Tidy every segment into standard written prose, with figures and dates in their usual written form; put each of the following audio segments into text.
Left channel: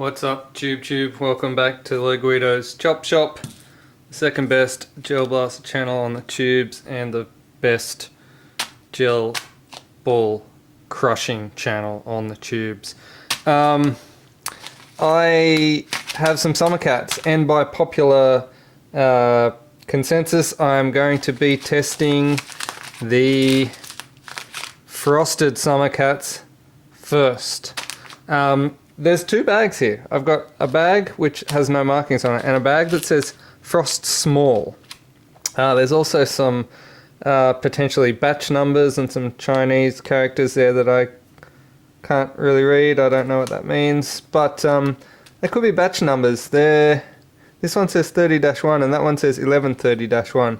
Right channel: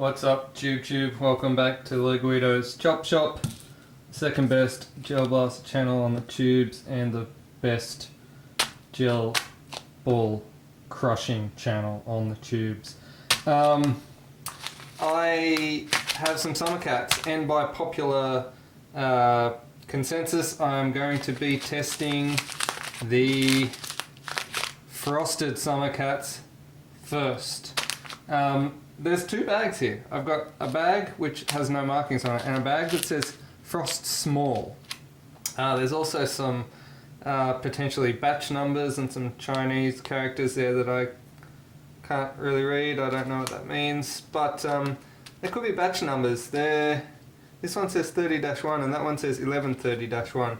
What's up, Tube? Welcome back to Leguido's Chop Shop, second best gel blaster channel on the tubes and the best gel ball crushing channel on the tubes. I have some summer cats, and by popular consensus, I'm going to be testing the frosted summer cats first. There's two bags here. I've got a bag which has no markings on it and a bag that says Frost Small. There's also some potentially batch numbers and some Chinese characters there that I can't really read. I don't know what that means, but there could be batch numbers. This one says 30-1 and that one says 1130-1.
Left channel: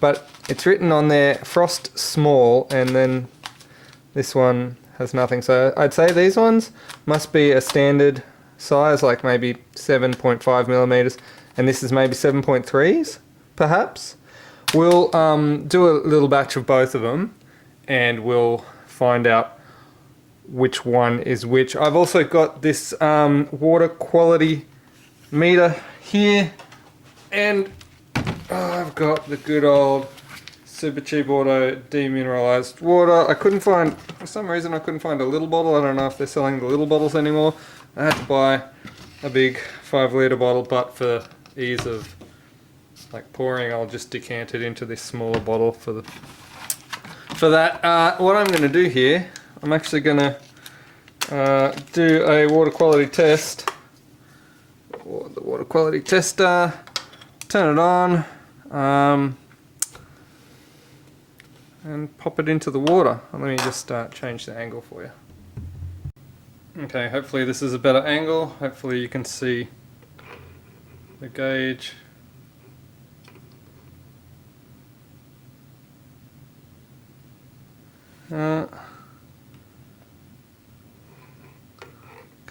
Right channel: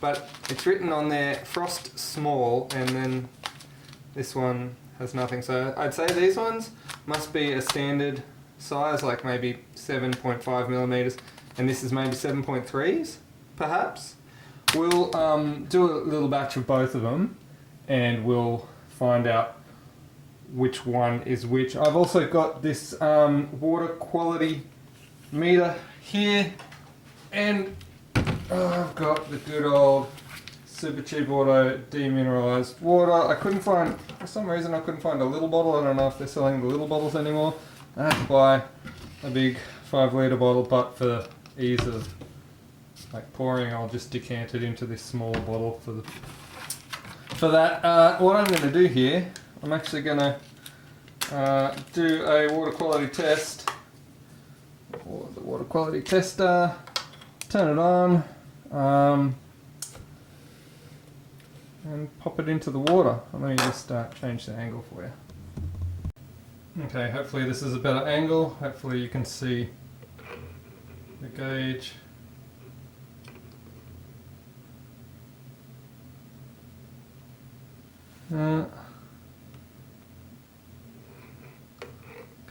But it's written on there Frost Small, and then this one has nothing. So I'd say these ones must be a standard size, like maybe 7.5 millimeters, and this is maybe 7.3s, perhaps. We'll do a little batch of both of them, and we'll find out which one is which. I've also got this water quality meter here, and I've got the good old Super Cheap Auto demineralized water. I couldn't find, for some reason I couldn't find a little bottle. I don't know if they're selling the little bottles anymore. I had to buy a big 5-litre bottle, but for ease of like pouring, I'll just decant it into this smaller bottle for that. What I'm going to do here, I'm actually going to do a water quality test. The water quality tester, turn it on, and pop it into the water. Let me just change the angle for you. Okay, hopefully this is a better angle. Hopefully you can see the gauge. Can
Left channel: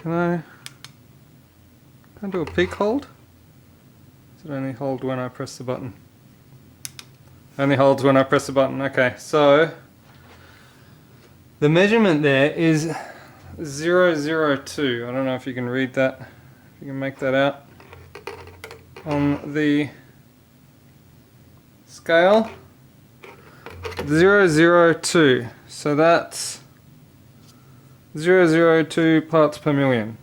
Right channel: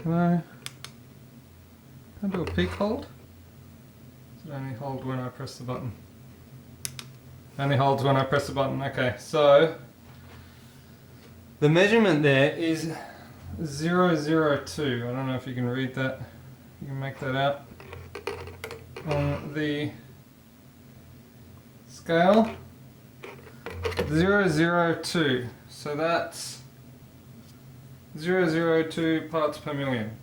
I do a peak hold? Does it only hold when I press the button? Only holds when I press the button. Okay, so the measurement there is 002. I don't know if you can read that. You can make that out on the scale. 002. So that's 002 parts per million.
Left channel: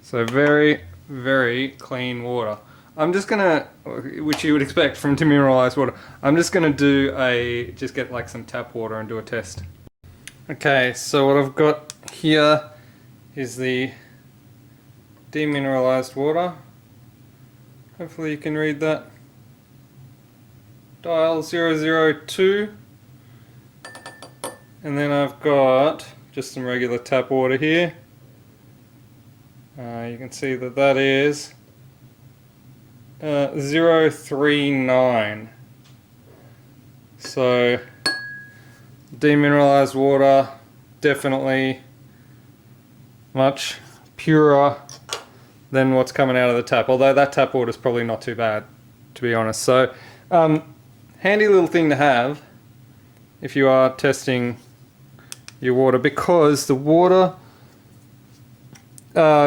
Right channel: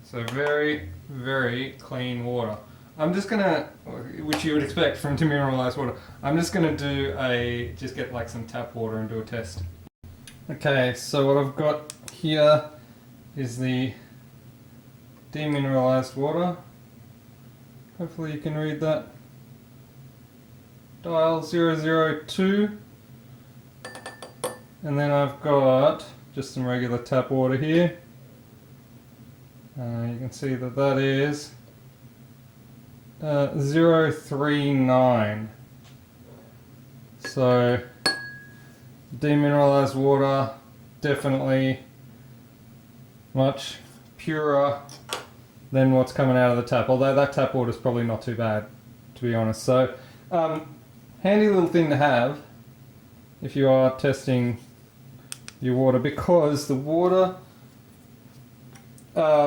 So very, very clean water. I'm just gonna, which you would expect from demineralized water, I'm just gonna just get like some tap water and do a test. Okay, so what I've got here is the demineralized water. Hopefully you can read that. Dial 002. And then I've got just some regular tap water here. You can see that that is 039. So demineralized water, definitely much purer than what's coming out of the tap, although that tap water is probably not too bad, to be honest. So handy little thing to have if you are testing your water, because the water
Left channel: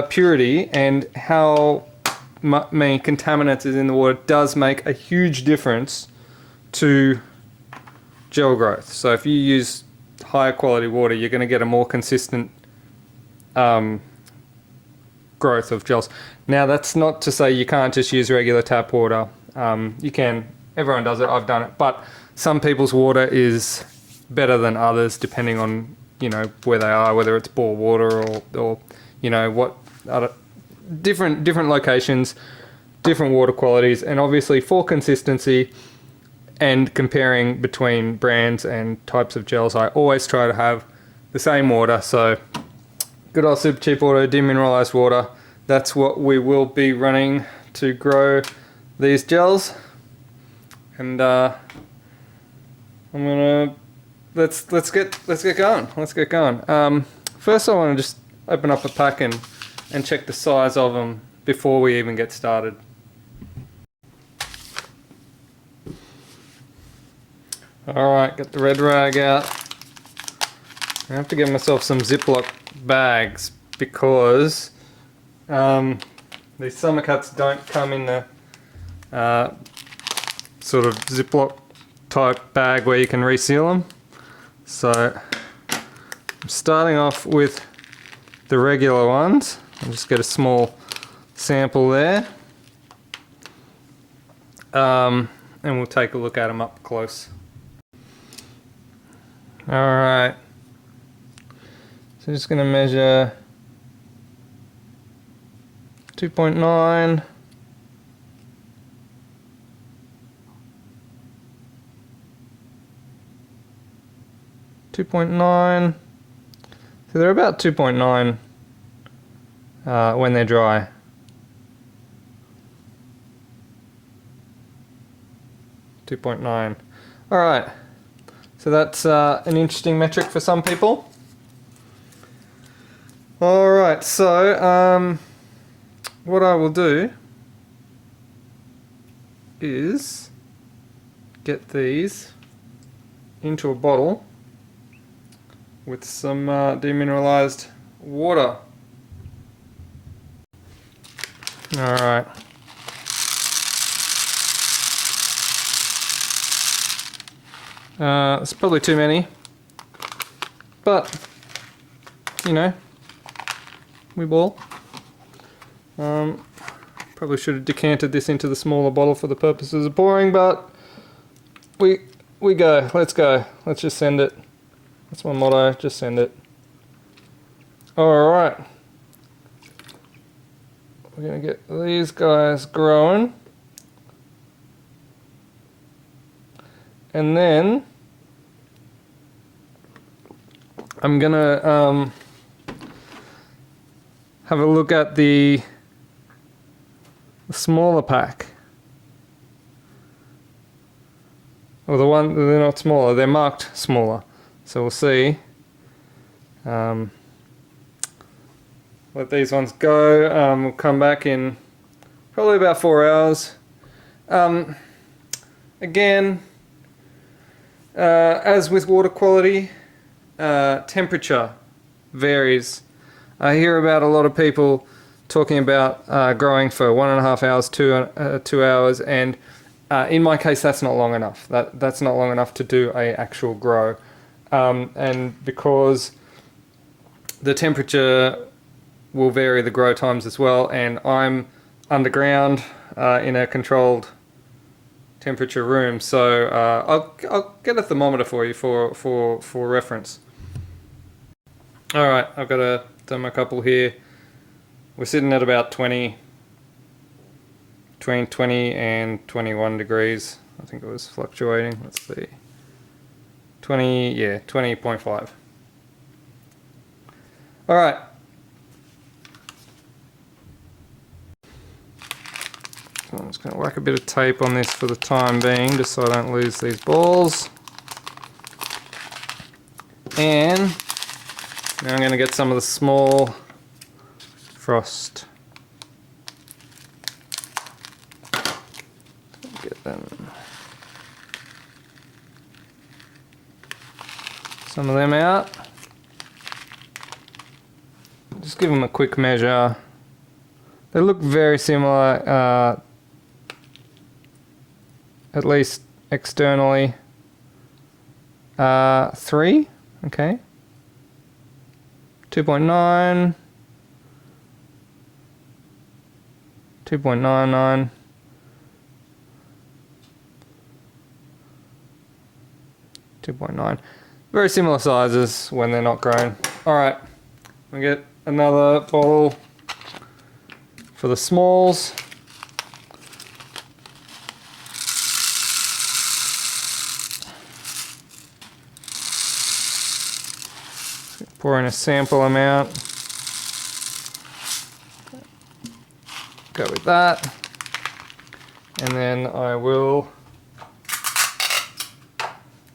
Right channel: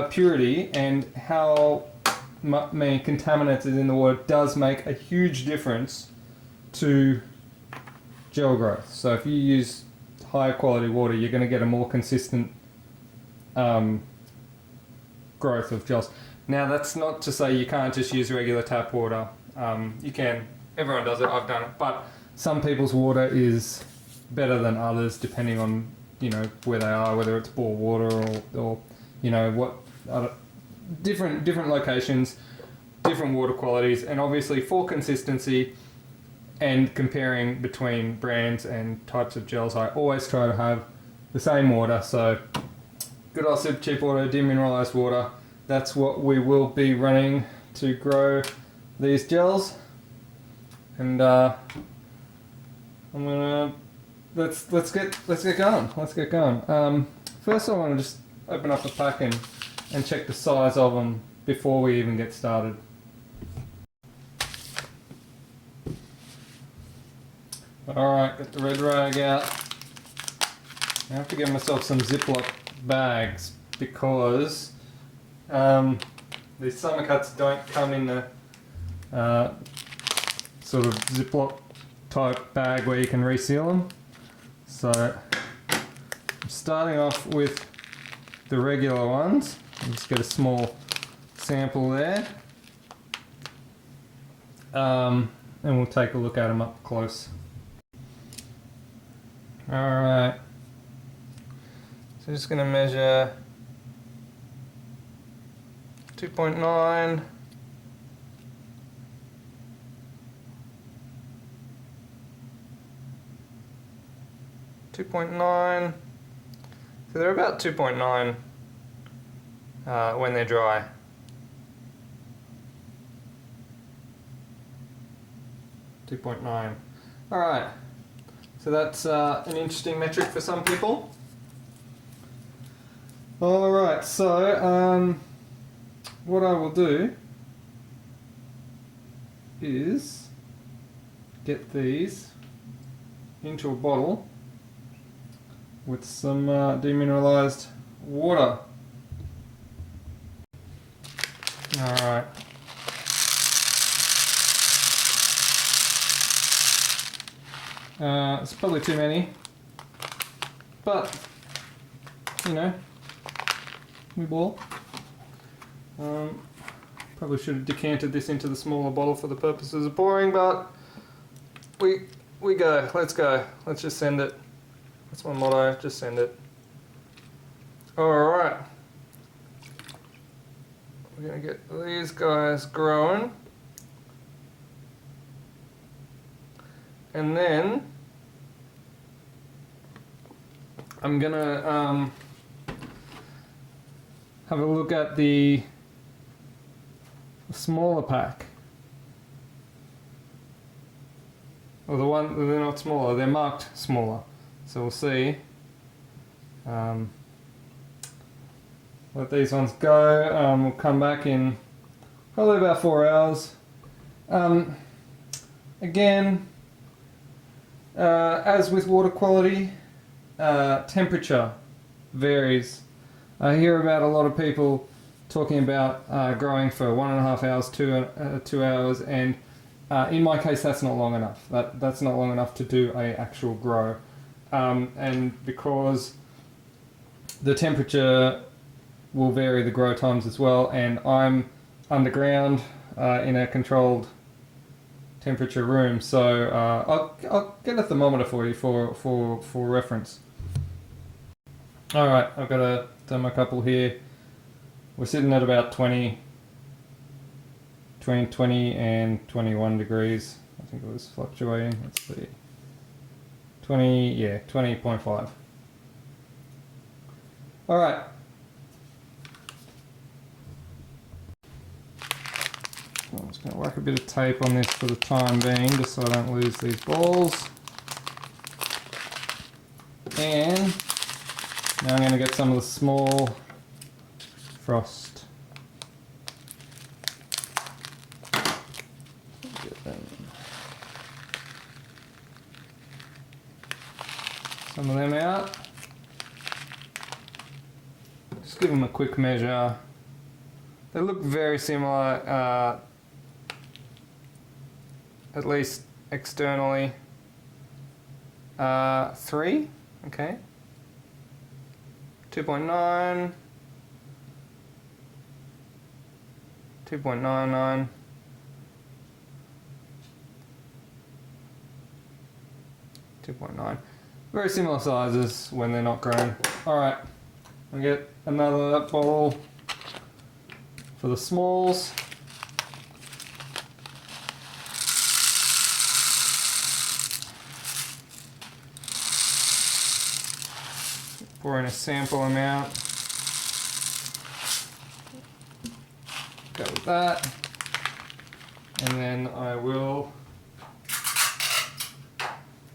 purity and how many contaminants is in the water does make a huge difference to gel growth. So if you use higher quality water, you're going to get a more consistent growth of gels. Now that's not to say you can't just use regular tap water. You can, everyone does it, I've done it, but some people's water is better than others depending on, you know, where they are, whether it's bore water or you know, what other different locations, different water qualities, and obviously for consistency and comparing between brands and types of gels, I always try to have the same water. So good old Super Cheap Auto demineralized water, that's what we will be running to grow these gels. And I'm gonna let's get going. First I want to just open up a pack and check the size of them before we even get started. Alright, got the red rag out. I have to get myself some Ziploc bags because these summer cuts don't come in the sort of Ziploc type bag where you can reseal them. So I'm starting off with the regular ones. I'll just get a small sample there. And we'll take a look at them up close. Alright. So I'm just going to measure 2.9. So they're about 2.9 when they're dry. .9. Alright, so that's an interesting metric for some people. Alright, so what I will do is get these into a bottle with some demineralized water. Alright. It's probably too many, but you know, we ball. Probably should have decanted this into the smaller bottle for the purposes of pouring, but we go. Let's go. Let's just send it. That's my motto. Just send it. All right. We're gonna get these guys growing, and then I'm gonna have a look at the smaller pack. Or the one, they're not smaller, they're marked smaller. So we'll see. Let these ones go. We'll come back in probably about 4 hours. Again, as with water quality, temperature varies. I hear about a lot of people talking about growing for 1.5 hours, 2 hours, and in my case that's not long enough. That's not long enough to do a actual grow. And because the temperature will vary the grow times as well, and I'm underground in a controlled temperature room, so I'll get a thermometer for you for reference. Alright, I've got a thermocouple here. We're sitting at about 20, between 20 and 21 degrees. I think it was fluctuating. Let's see. 20, yeah, 20.5. Alright. I'm just going to whack a bit of tape on this for the time being, just so I don't lose these balls. And now I'm going to get some of the small frost. Get them. Some of them out. Just give them a quick measure. They look very similar, at least externally. 3, okay. 2.9. 2.99. 2.9. Very similar sizes when they're not grown. Alright, we get another bottle for the smalls. Pour in a sample amount. Go with that. And then I will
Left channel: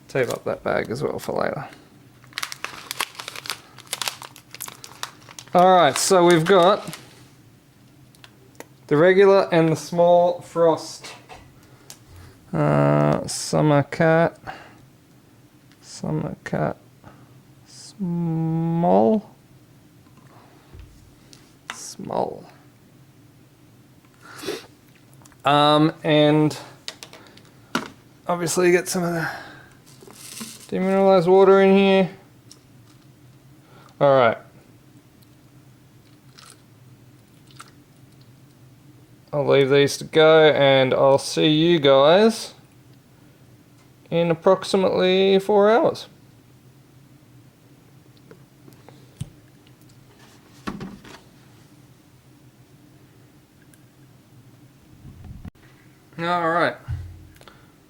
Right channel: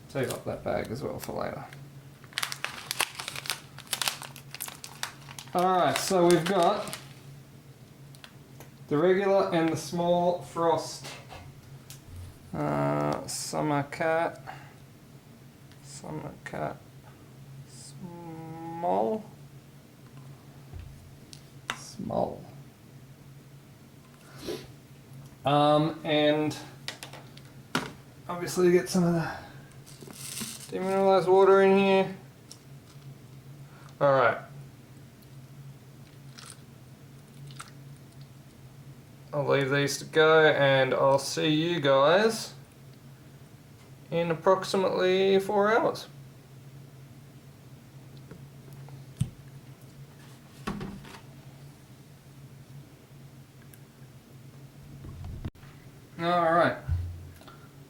tape up that bag as well for later. Alright, so we've got the regular and the small frost. Summer cat. Small. Small. And obviously get some of the demineralized water in here. Alright. I'll leave these to go and I'll see you guys in approximately 4 hours. Alright,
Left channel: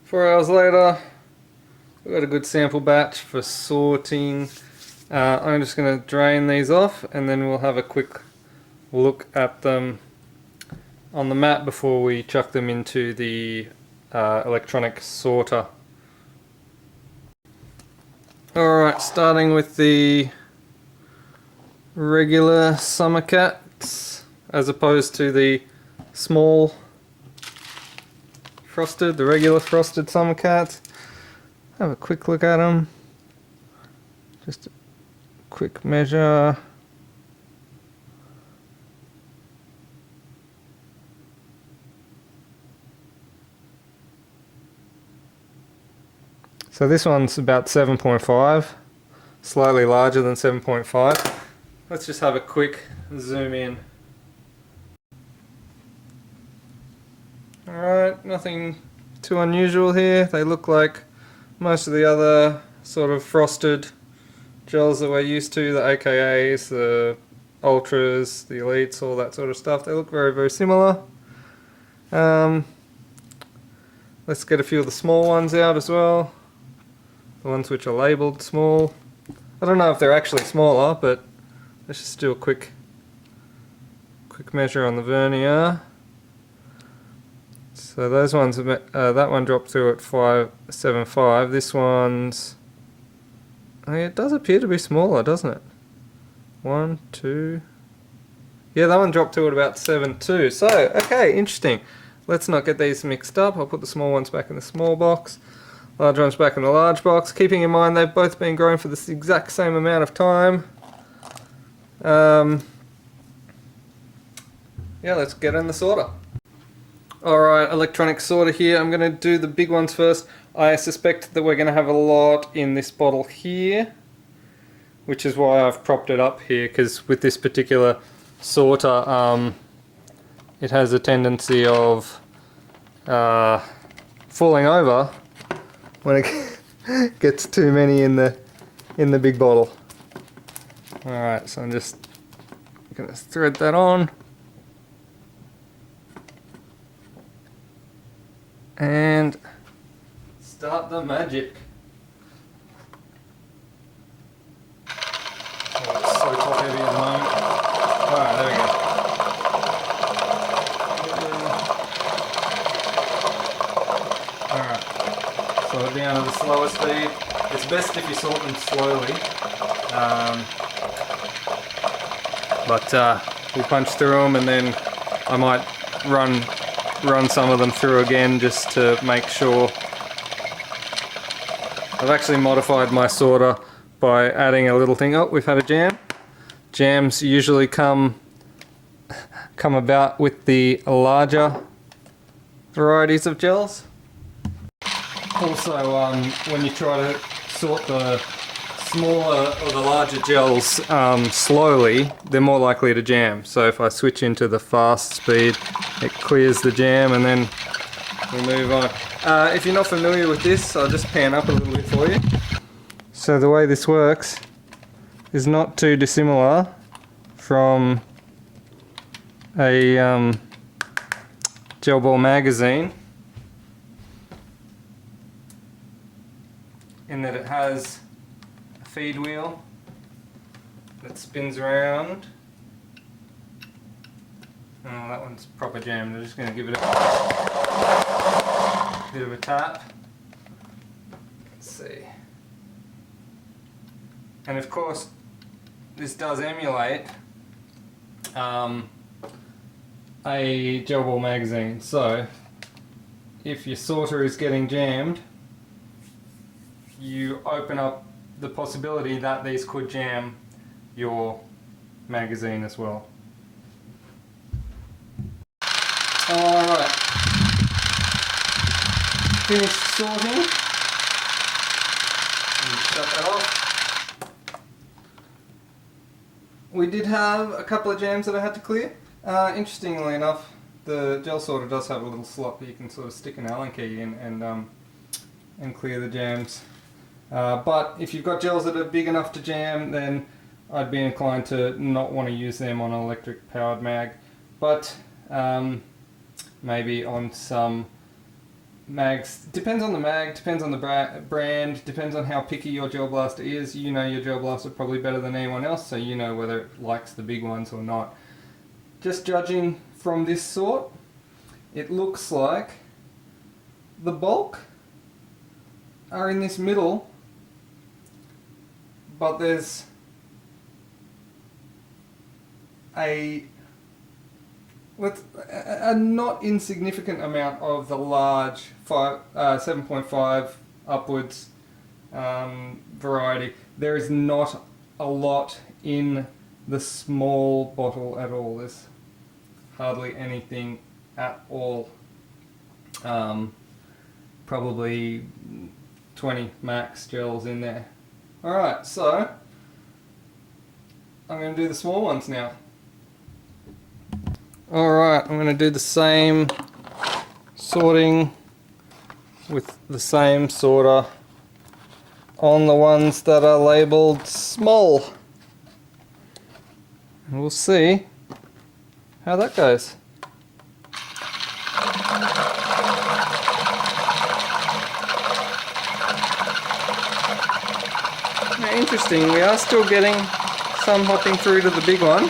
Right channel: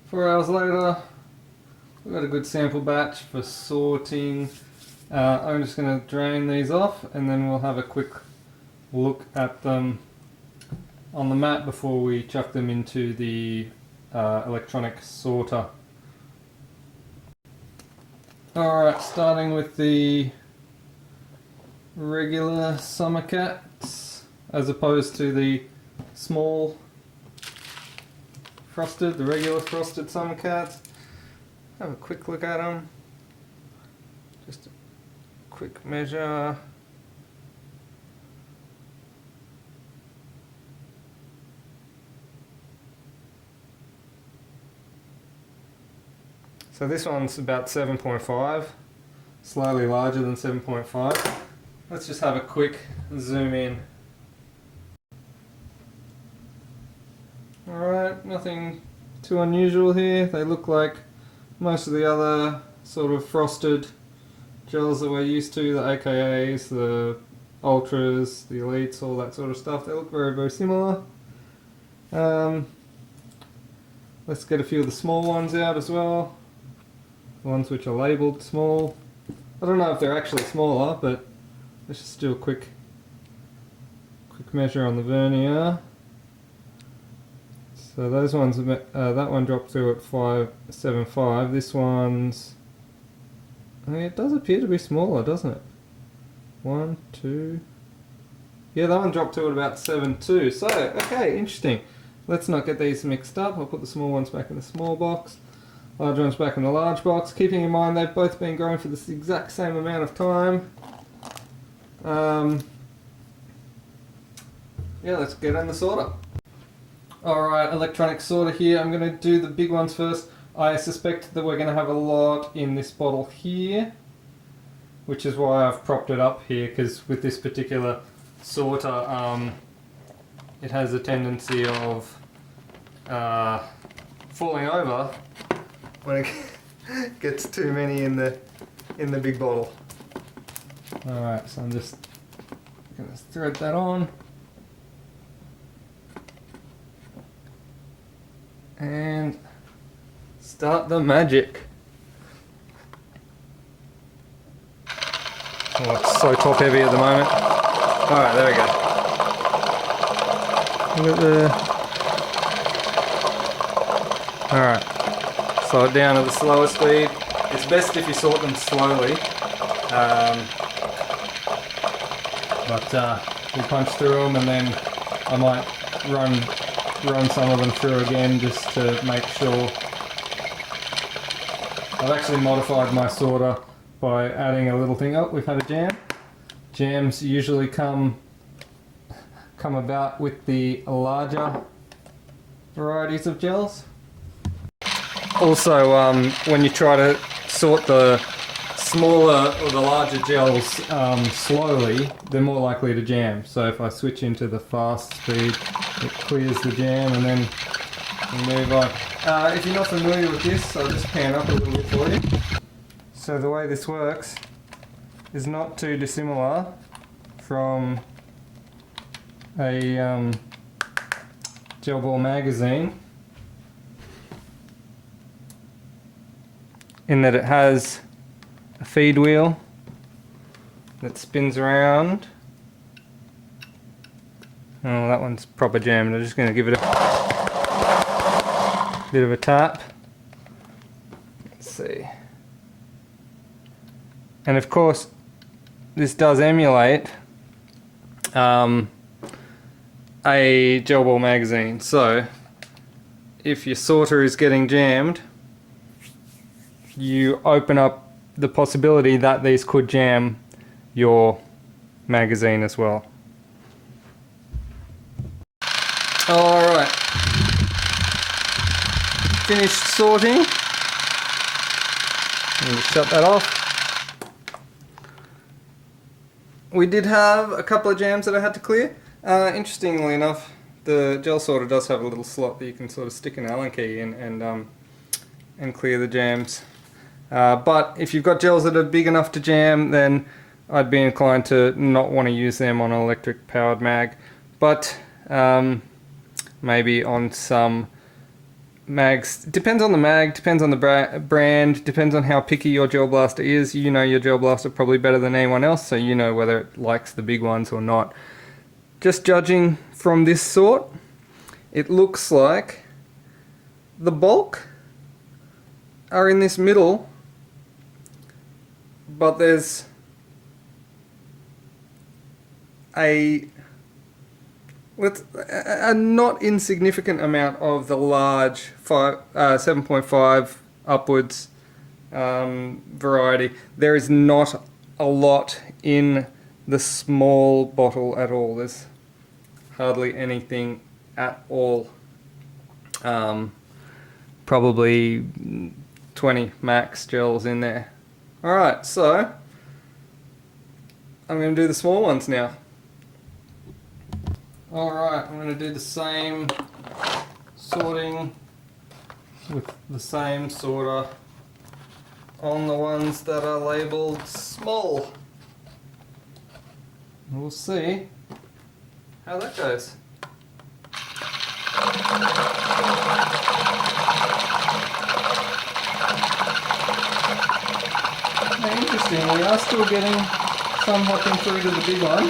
4 hours later, we've got a good sample batch for sorting. I'm just going to drain these off and then we'll have a quick look at them on the mat before we chuck them into the electronic sorter. Alright, starting with the regular summer cats as opposed to the small frosted, the regular frosted summer cats. Have a quick look at them. Just a quick measure. So this one's about 7.5, slightly larger than 7.5. Let's just have a quick zoom in. Alright, nothing too unusual here. They look like most of the other sort of frosted gels that we're used to, the AKAs, the Ultras, the Elites, all that sort of stuff. They look very, very similar. Let's get a few of the small ones out as well. The ones which are labelled small. I don't know if they're actually smaller, but let's just do a quick measure on the vernier. So those ones, that one dropped through at 5.75. This one's, it does appear to be smaller, doesn't it? 1, 2. Yeah, that one dropped to at about 7.2. So, okay, interesting. Let's not get these mixed up. I'll put the small ones back in the small box. Large ones back in the large box, keeping in mind they've both been growing for this exact same amount of time. Yeah, let's get in the sorter. Alright, electronic sorter here. I'm going to do the big ones first. I suspect that we're going to have a lot in this bottle here, which is why I've propped it up here, because with this particular sorter, it has a tendency of falling over when it gets too many in the big bottle. Alright, so I'm just going to thread that on. And start the magic. Oh, it's so top heavy at the moment. Alright, there we go. Alright, slow it down at the slower speed. It's best if you sort them slowly. We punch through them and then I might run some of them through again just to make sure. I've actually modified my sorter by adding a little thing. Oh, we've had a jam. Jams usually come about with the larger varieties of gels. Also, when you try to sort the smaller or the larger gels slowly, they're more likely to jam. So if I switch into the fast speed, it clears the jam and then we'll move on. If you're not familiar with this, I'll just pan up a little bit for you. So the way this works is not too dissimilar from a gel ball magazine, in that it has a feed wheel that spins around. Oh, that one's proper jammed. I'm just going to give it a bit of a tap. Let's see. And of course, this does emulate a gel ball magazine. So, if your sorter is getting jammed, you open up the possibility that these could jam your magazine as well. Alright. Finished sorting. Shut that off. We did have a couple of jams that I had to clear. Interestingly enough, the gel sorter does have a little slot that you can sort of stick an Allen key in and clear the jams. But if you've got gels that are big enough to jam, then I'd be inclined to not want to use them on an electric powered mag. But maybe on some mags, depends on the mag, depends on the brand, depends on how picky your gel blaster is. You know your gel blaster probably better than anyone else, so you know whether it likes the big ones or not. Just judging from this sort, it looks like the bulk are in this middle, but there's a not insignificant amount of the large 7.5 upwards variety. There is not a lot in the small bottle at all. There's hardly anything at all. Probably 20 max gels in there. Alright, so I'm going to do the small ones now. Alright, I'm going to do the same sorting with the same sorter on the ones that are labelled small. And we'll see how that goes. Now, interesting, we are still getting some hopping through to the big one.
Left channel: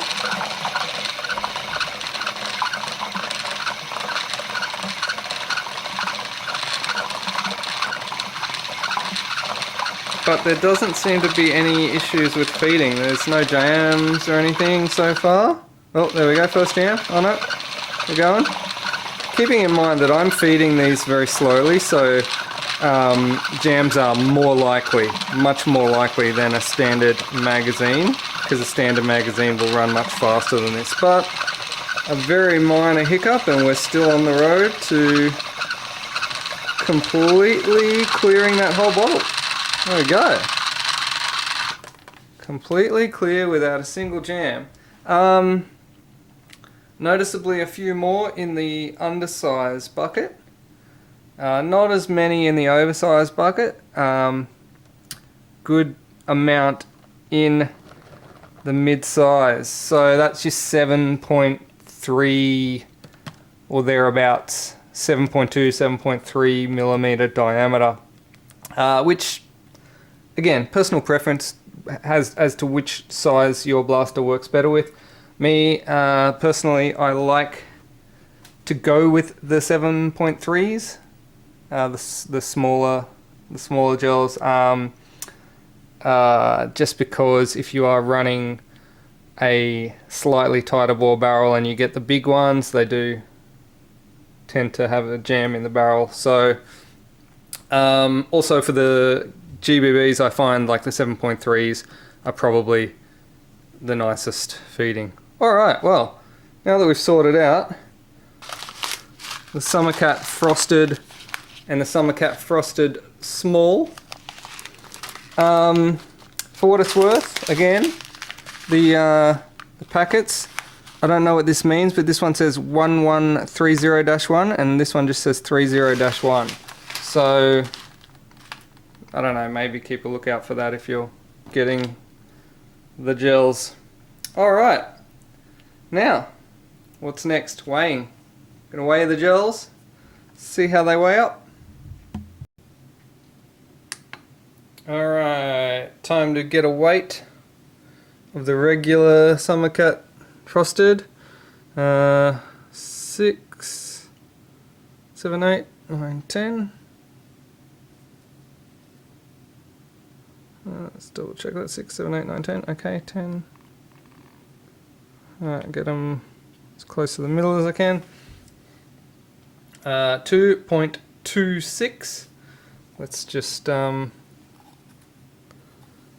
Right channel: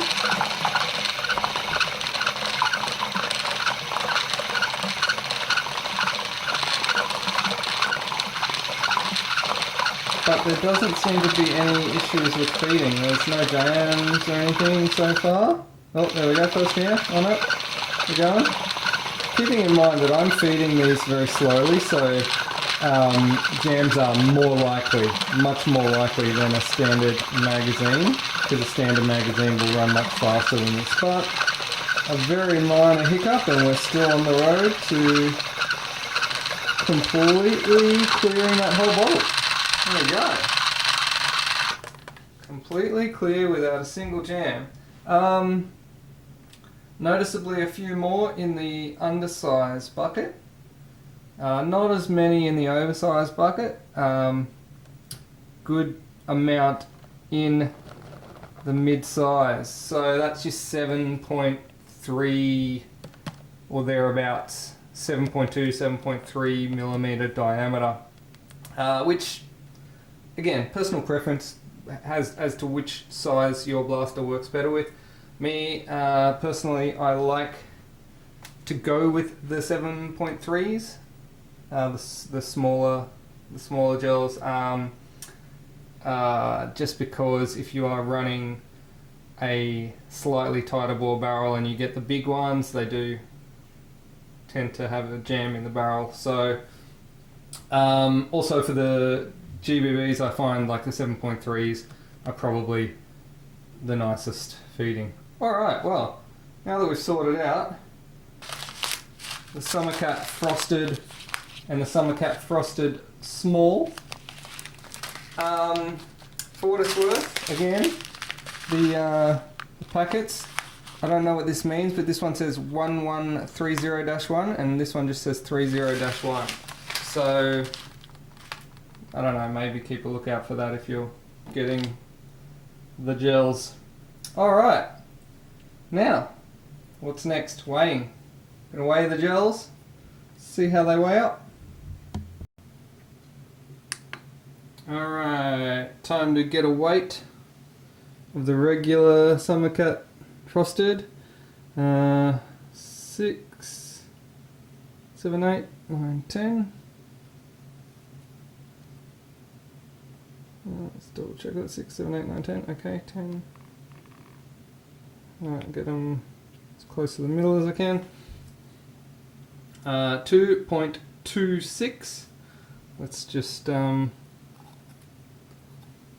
But there doesn't seem to be any issues with feeding. There's no jams or anything so far. Oh, there we go, first jam. Oh no, we're going. Keeping in mind that I'm feeding these very slowly, so jams are more likely, much more likely than a standard magazine, because a standard magazine will run much faster than this. But a very minor hiccup, and we're still on the road to completely clearing that whole bottle. There we go. Completely clear without a single jam. Noticeably a few more in the undersized bucket. Not as many in the oversized bucket. Good amount in the mid-size. So that's your 7.3 or thereabouts. 7.2, 7.3 millimeter diameter. Which, again, personal preference as to which size your blaster works better with. Me, personally, I like to go with the 7.3s, the smaller gels, just because if you are running a slightly tighter bore barrel and you get the big ones, they do tend to have a jam in the barrel. So also for the GBBs, I find like the 7.3s are probably the nicest feeding. Alright, well, now that we've sorted out the Summercat Frosted and the Summercat Frosted Small, for what it's worth, again, the packets, I don't know what this means, but this one says 1130-1 and this one just says 30-1. So, I don't know, maybe keep a lookout for that if you're getting the gels. Alright, now, what's next? Weighing. Gonna weigh the gels, see how they weigh up. Alright, time to get a weight of the regular Summercat Frosted. 6, 7, 8, 9, 10. Let's double check that. 6, 7, 8, 9, 10. Okay, 10. Alright, get them as close to the middle as I can. 2.26. Let's just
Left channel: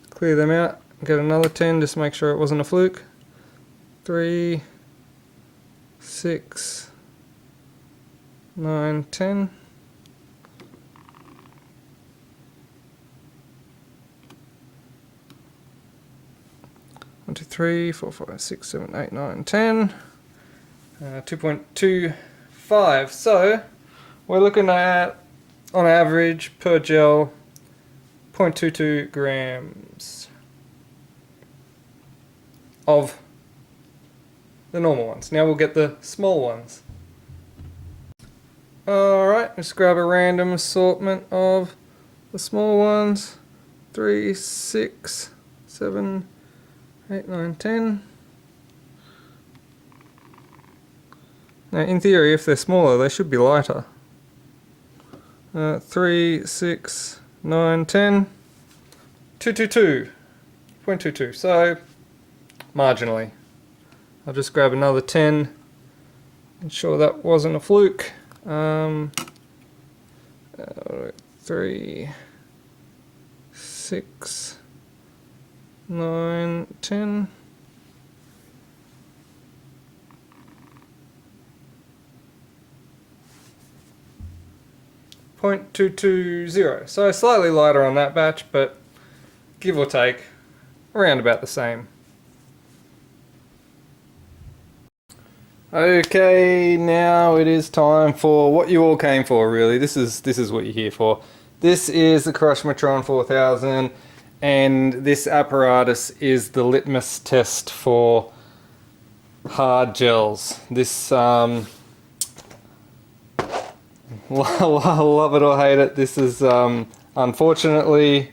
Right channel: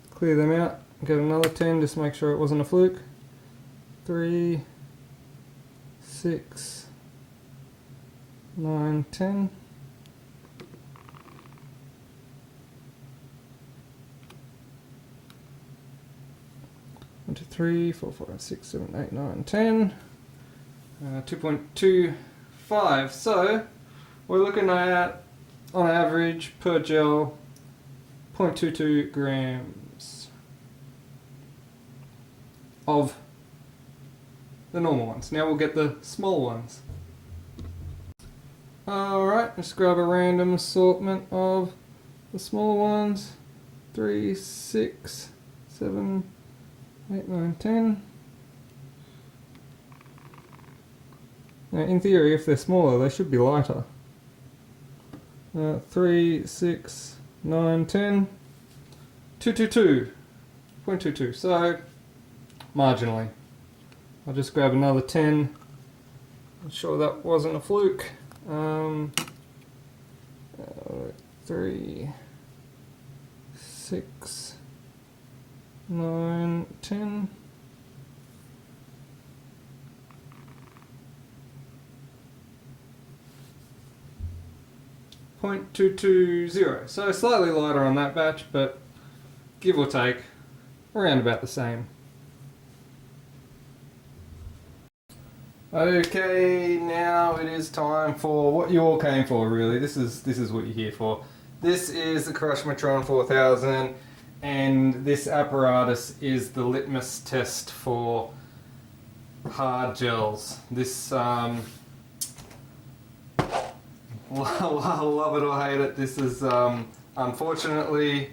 clear them out. Get another 10, just make sure it wasn't a fluke. 3, 6, 9, 10. One, two, three, 4, 5, 6, 7, 8, 9, 10. 2.25. So we're looking at, on average per gel, 0.22 grams of the normal ones. Now we'll get the small ones. Alright, let's grab a random assortment of the small ones. 3, 6, 7, 8, 9, 10. Now in theory, if they're smaller, they should be lighter. 3, 6, 9, 10. 222. 0.22. So, marginally. I'll just grab another 10. I'm sure that wasn't a fluke. 3, 6, 9, 10. .220. So slightly lighter on that batch, but give or take, around about the same. Okay, now it is time for what you all came for, really. This is what you're here for. This is the Crushmatron 4000, and this apparatus is the litmus test for hard gels. This, love it or hate it, this is unfortunately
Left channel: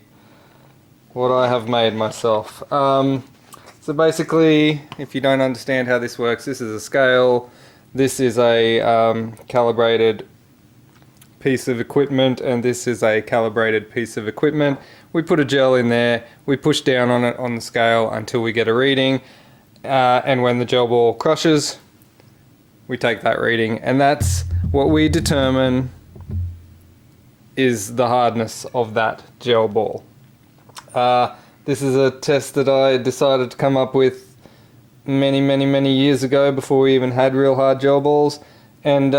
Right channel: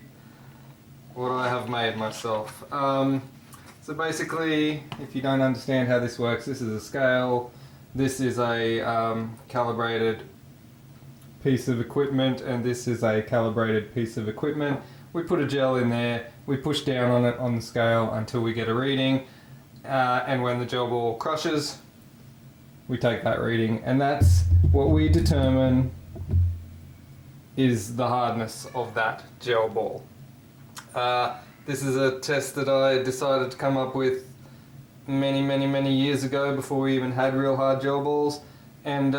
what I have made myself. So basically, if you don't understand how this works, this is a scale, this is a calibrated piece of equipment, and this is a calibrated piece of equipment. We put a gel in there, we push down on it on the scale until we get a reading, and when the gel ball crushes, we take that reading, and that's what we determine is the hardness of that gel ball. This is a test that I decided to come up with many years ago, before we even had real hard gel balls, and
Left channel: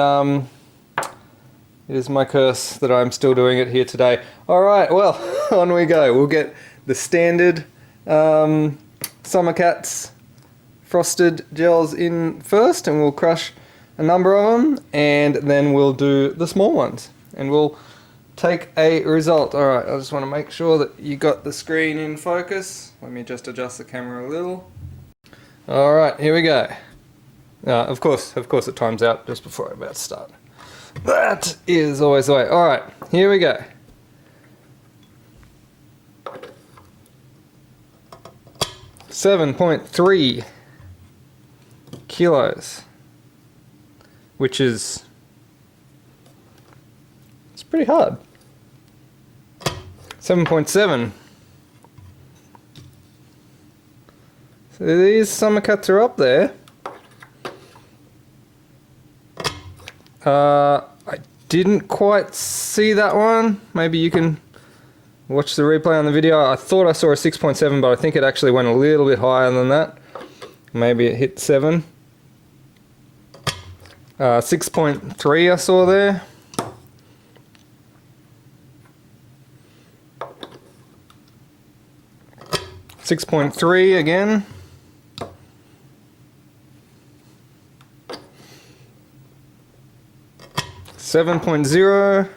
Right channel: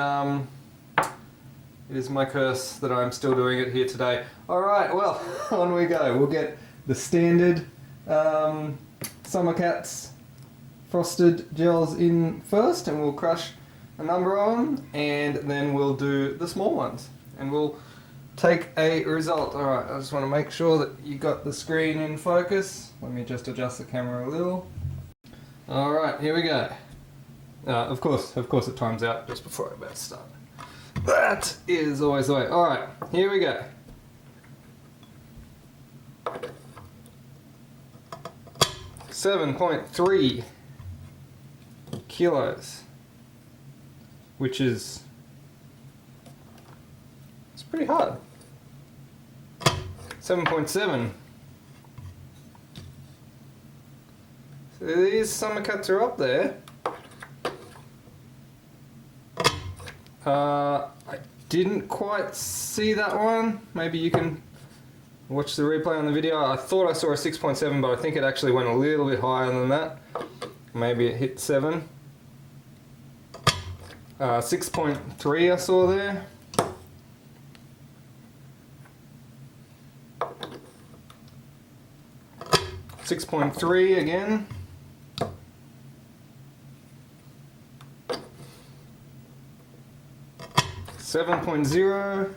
it is my curse that I'm still doing it here today. Alright, well, on we go. We'll get the standard Summer Cats frosted gels in first, and we'll crush a number of them, and then we'll do the small ones, and we'll take a result. Alright, I just want to make sure that you got the screen in focus. Let me just adjust the camera a little. Alright, here we go. Of course it times out just before I'm about to start. That is always the way. Alright, here we go. .3 kilos, which is, it's pretty hard. 7.7. So these Summer Cats are up there. I didn't quite see that one. Maybe you can watch the replay on the video. I thought I saw a 6.7, but I think it actually went a little bit higher than that. Maybe it hit 7. 6.3 I saw there. .3 again. .0.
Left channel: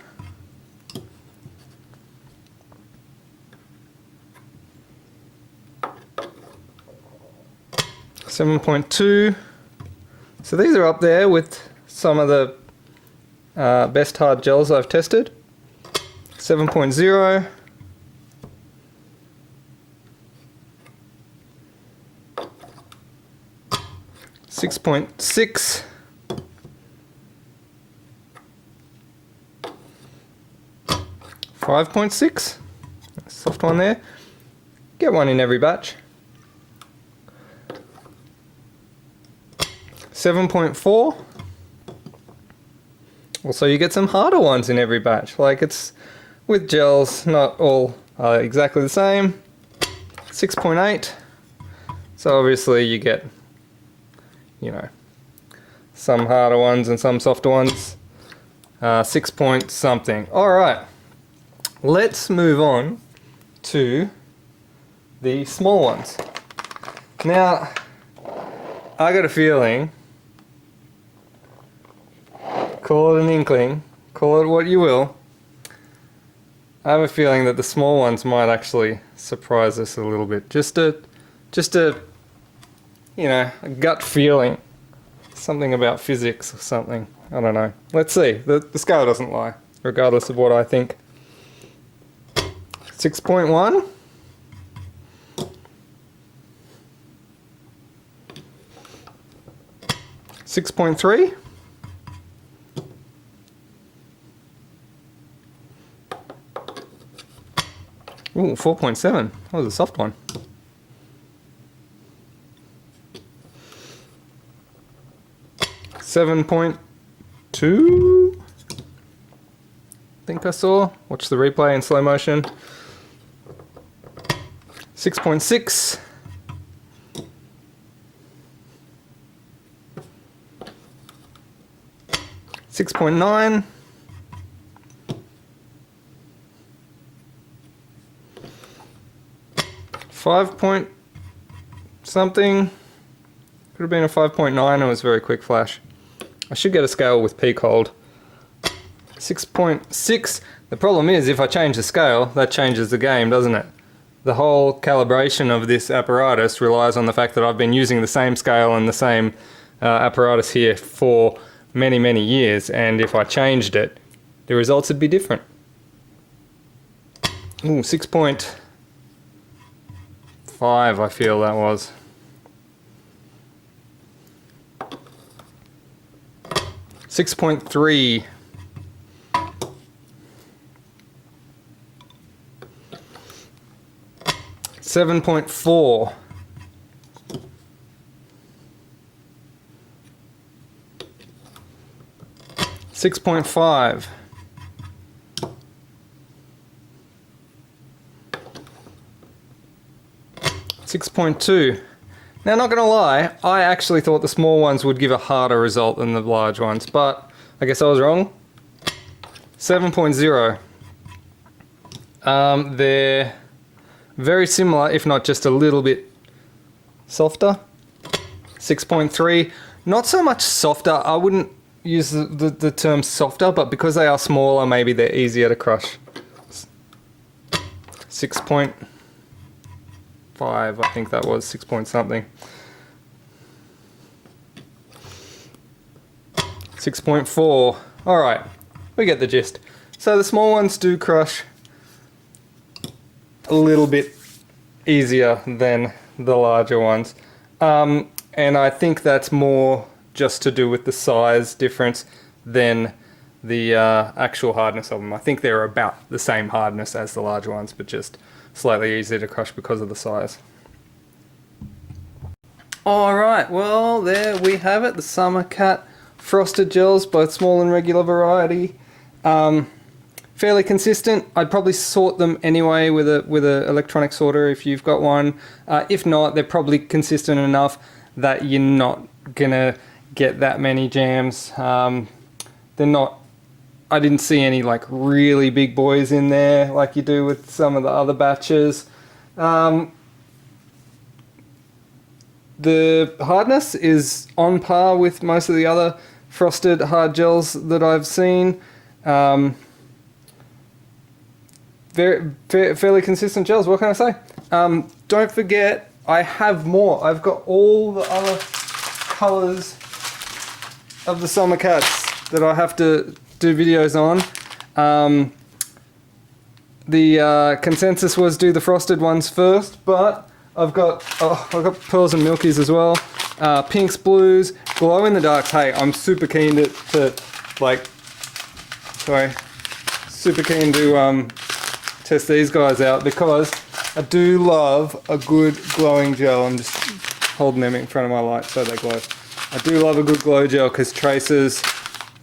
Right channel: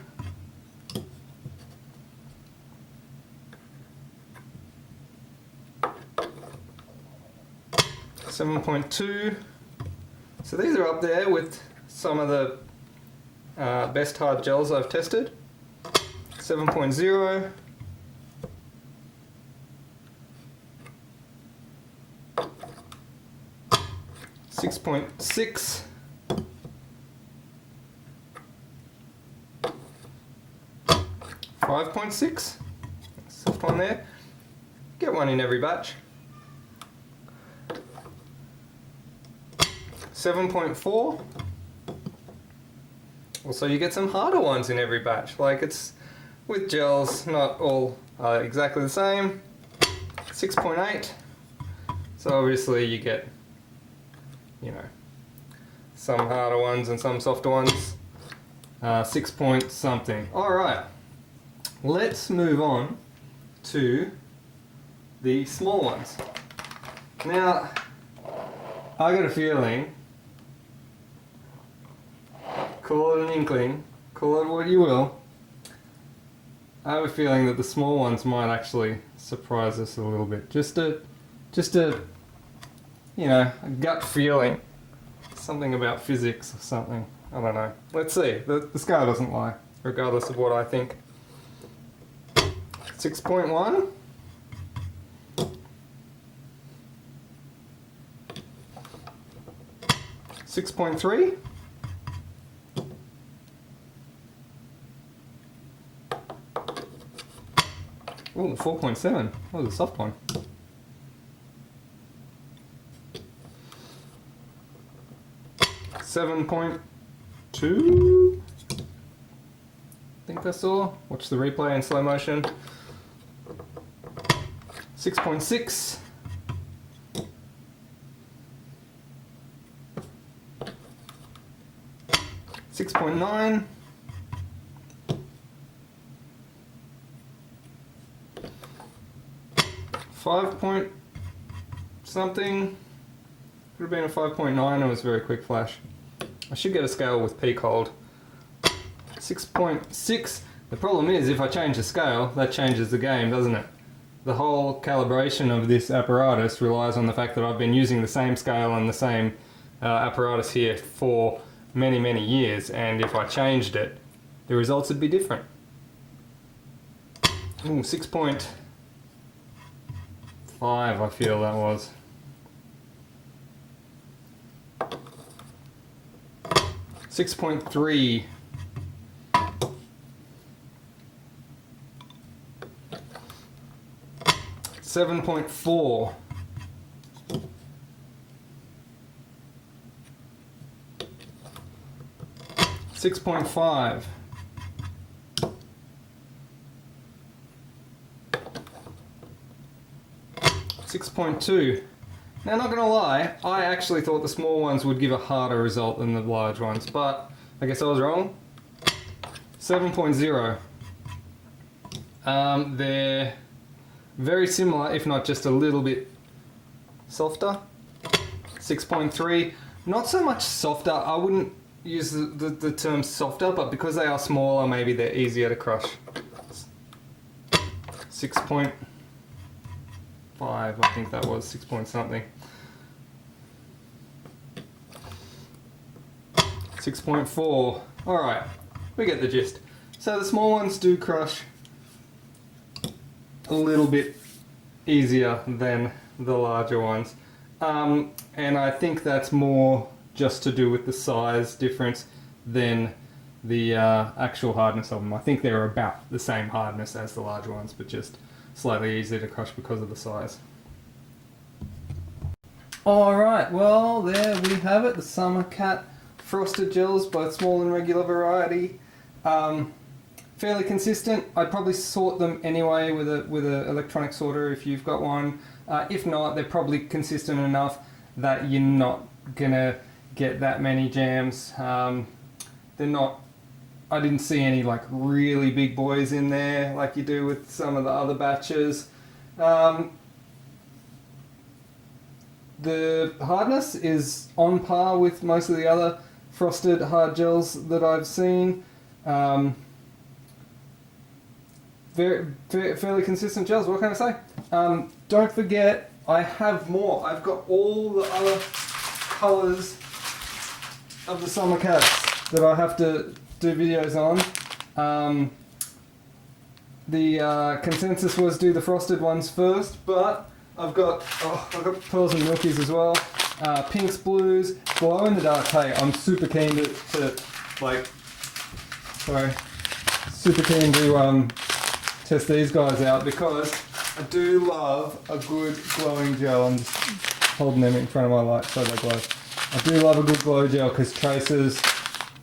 7.2. So these are up there with some of the best hard gels I've tested. 7.0. 6.6. 5.6. Soft one there. Get one in every batch. 7.4. Also, you get some harder ones in every batch. Like, it's with gels, not all exactly the same. 6.8. So obviously you get, you know, some harder ones and some softer ones. 6 point something. Alright, let's move on to the small ones. Now, I got a feeling, call it an inkling, call it what you will, I have a feeling that the small ones might actually surprise us a little bit. Just a, you know, a gut feeling. Something about physics or something. I don't know. Let's see. The scale doesn't lie, regardless of what I think. 6.1. 6.3. Ooh, 4.7. That was a soft one. .2. I think I saw. Watch the replay in slow motion. 6.6. 6.9. 5 point something. Could have been a 5.9. It was a very quick flash. I should get a scale with peak hold. 6.6. The problem is, if I change the scale, that changes the game, doesn't it? The whole calibration of this apparatus relies on the fact that I've been using the same scale and the same apparatus here for many, many years, and if I changed it, the results would be different. Ooh, 6.5 I feel that was. 6.3. 7.4. 6.5. 6.2. Now, not gonna lie, I actually thought the small ones would give a harder result than the large ones, but I guess I was wrong. 7.0. They're very similar, if not just a little bit softer. 6.3. Not so much softer. I wouldn't use the term softer, but because they are smaller, maybe they're easier to crush. 6.5, I think that was 6 point something. 6.4. Alright, we get the gist. So the small ones do crush a little bit easier than the larger ones. And I think that's more just to do with the size difference than the actual hardness of them. I think they're about the same hardness as the larger ones, but just slightly easier to crush because of the size. Alright, well there we have it, the Summer Cat frosted gels, both small and regular variety. Fairly consistent. I'd probably sort them anyway with a electronic sorter if you've got one. If not, they're probably consistent enough that you're not gonna get that many jams. They're not, I didn't see any like really big boys in there like you do with some of the other batches. The hardness is on par with most of the other frosted hard gels that I've seen. Fairly consistent gels, what can I say? Don't forget, I have more. I've got all the other colours of the Summer Cats that I have to do videos on. The consensus was do the frosted ones first, but I've got pearls and milkies as well. Pinks, blues, glow in the dark. Hey, I'm super keen to test these guys out because I do love a good glowing gel. I'm just holding them in front of my light so they glow. I do love a good glow gel because tracers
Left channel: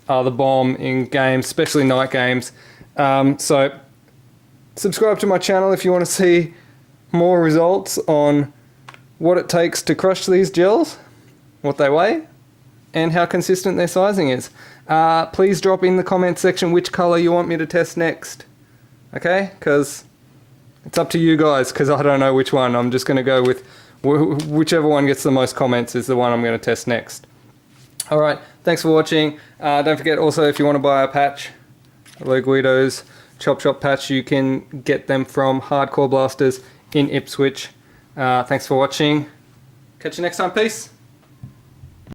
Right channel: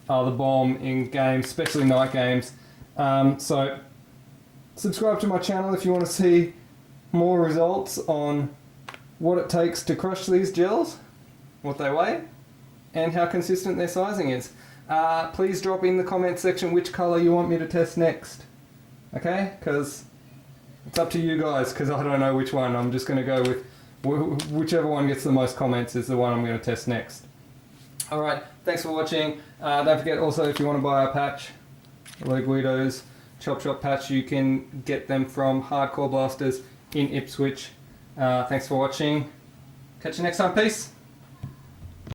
are the bomb in games, especially night games. So subscribe to my channel if you want to see more results on what it takes to crush these gels, what they weigh, and how consistent their sizing is. Please drop in the comment section which color you want me to test next. Okay? Because it's up to you guys, because I don't know which one. I'm just going to go with whichever one gets the most comments is the one I'm going to test next. Alright, thanks for watching. Don't forget also, if you want to buy a patch, Low Guido's Chop Shop patch, you can get them from Hardcore Blasters in Ipswich. Thanks for watching. Catch you next time. Peace.